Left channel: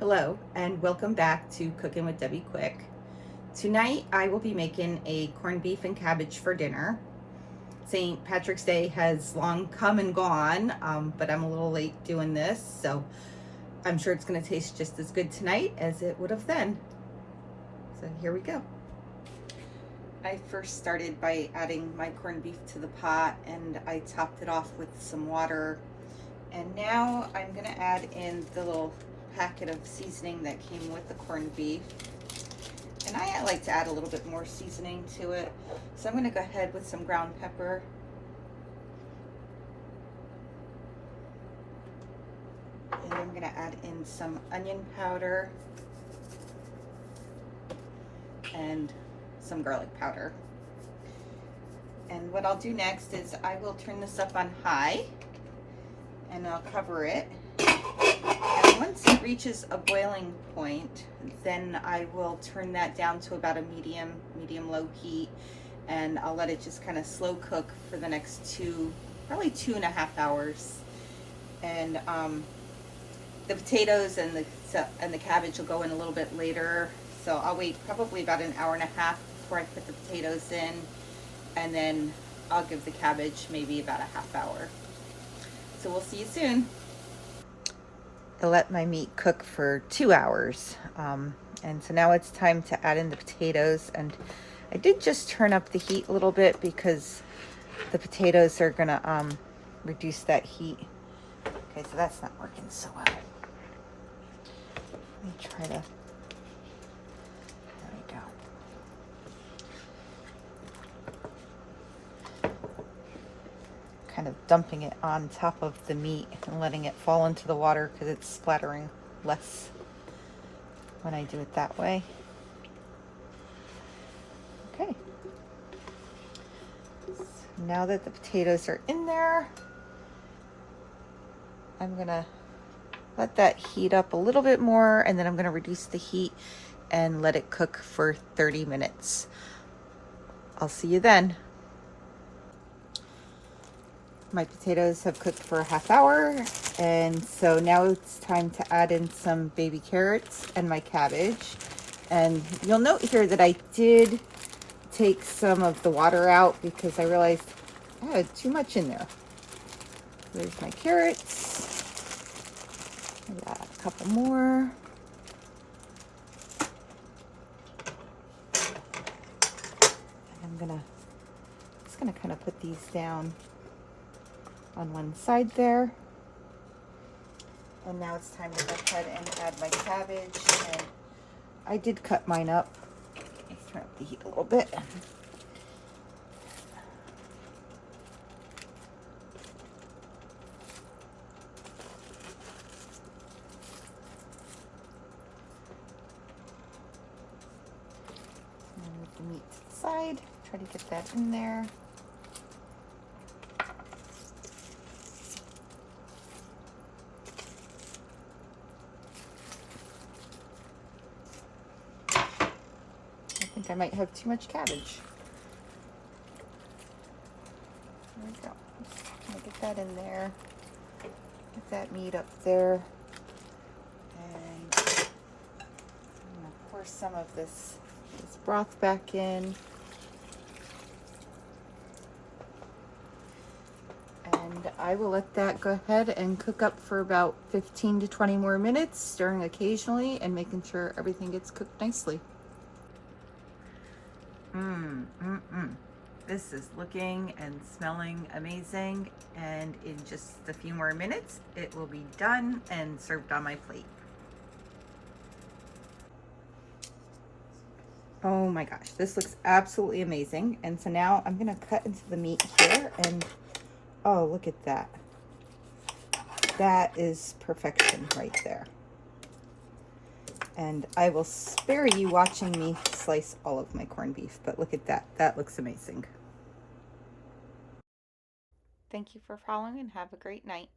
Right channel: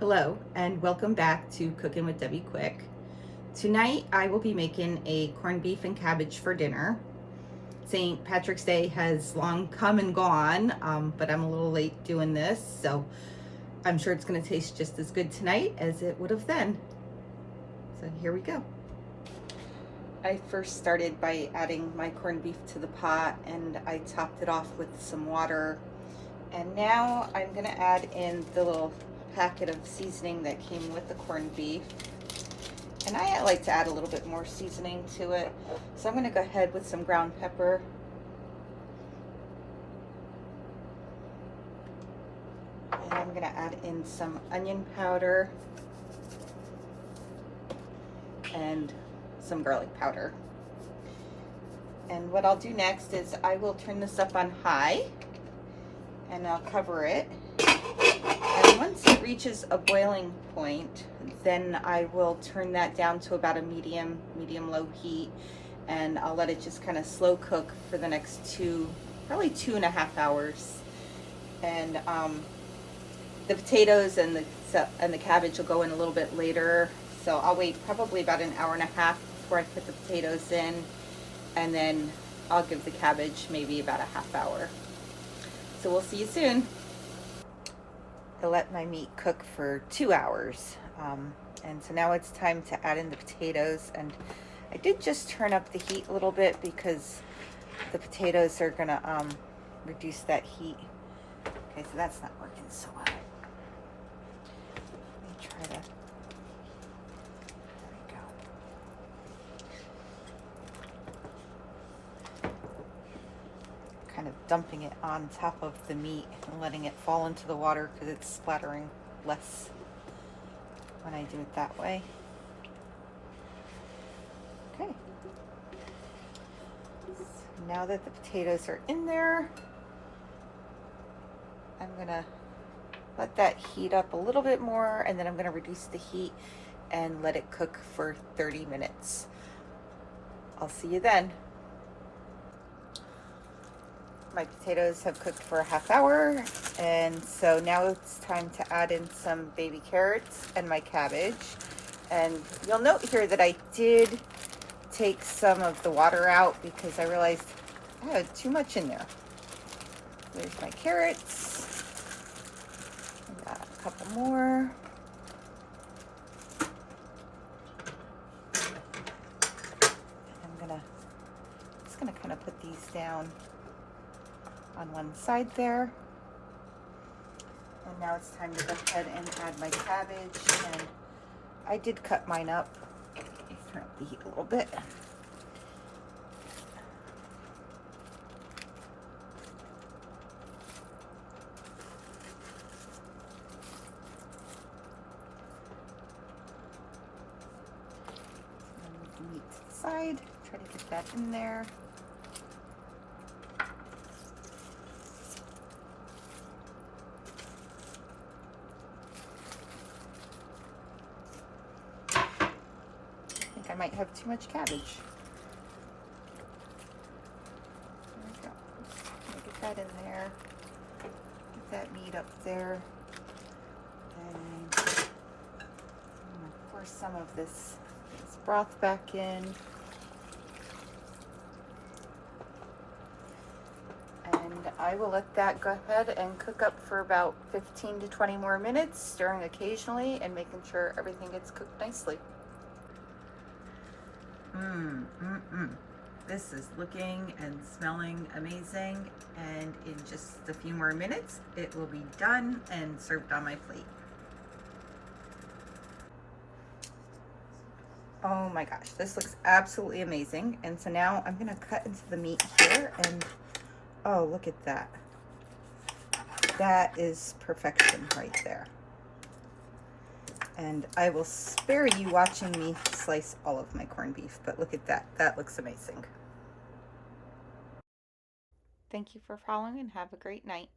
Hello and welcome back to Cooking with Debbie Quick. Tonight I will be making a corned beef and cabbage for dinner. St. Patrick's Day has long come and gone, but I'm a little late doing this, so I'm sure it's going to taste just as good tonight as it would have then. So here we go. I first started by adding my corned beef to the pot, and I topped it off with some water. And now I'm going to add in the little packet of seasoning that came with the corned beef. And I like to add a little bit more seasoning to it. So I'm going to go ahead with some ground pepper. And I'm going to add in some onion powder and some garlic powder. And what I'll do next is I will turn this up on high and I'll cover it. And once it reaches a boiling point, then I will turn that down to about a medium-low heat, and I'll let it just kind of slow cook for the next probably 2.5 hours. And the potatoes and the cabbage will go in a little bit later, so I'll wait probably about an hour and a half before I put the potatoes in, and then I'll give the cabbage maybe about a half hour. So we'll see you soon. I let my meat cook for 2 hours, and so now it's time to add in the potatoes. And I did just turn up the heat a little bit because the potatoes are gonna reduce that heat. Okay, so that's not working so well. Let me try to, there we go. Kind of dumping it on top of the meat and letting it fall into the water because it's splattering less when I do it that way. Okay. So now that the potatoes are in there, I'm gonna let that heat up a little bit more, and then I'm gonna reduce the heat and let it cook for 30 minutes. I'll see you then. My potatoes have cooked for a half hour, and so now it's time to add in some baby carrots and my cabbage. And you'll note here that I did take some of the water out because I realized I had too much in there. There's my carrots. Got a couple more. I'm just gonna kind of put these down on one side there. And now it's time to go ahead and add my cabbage. And I did cut mine up. Let's turn up the heat a little bit. And move the meat to the side. Try to get that in there. I might have too much cabbage. There we go. I'll get that in there. Get that meat up there. And I'm going to pour some of this broth back in. And I will let that go ahead and cook up for about 15 to 20 more minutes, stirring occasionally and making sure everything gets cooked nicely. This is looking and smelling amazing, and in just a few more minutes it will be done and served on my plate. Oh my gosh, this looks absolutely amazing. And so now I'm gonna cut into the meat here, and oh, look at that. That is perfection right there. And I will spare you watching me slice all of my corned beef, but look at that. That looks amazing. Thank you for following, and have a great night.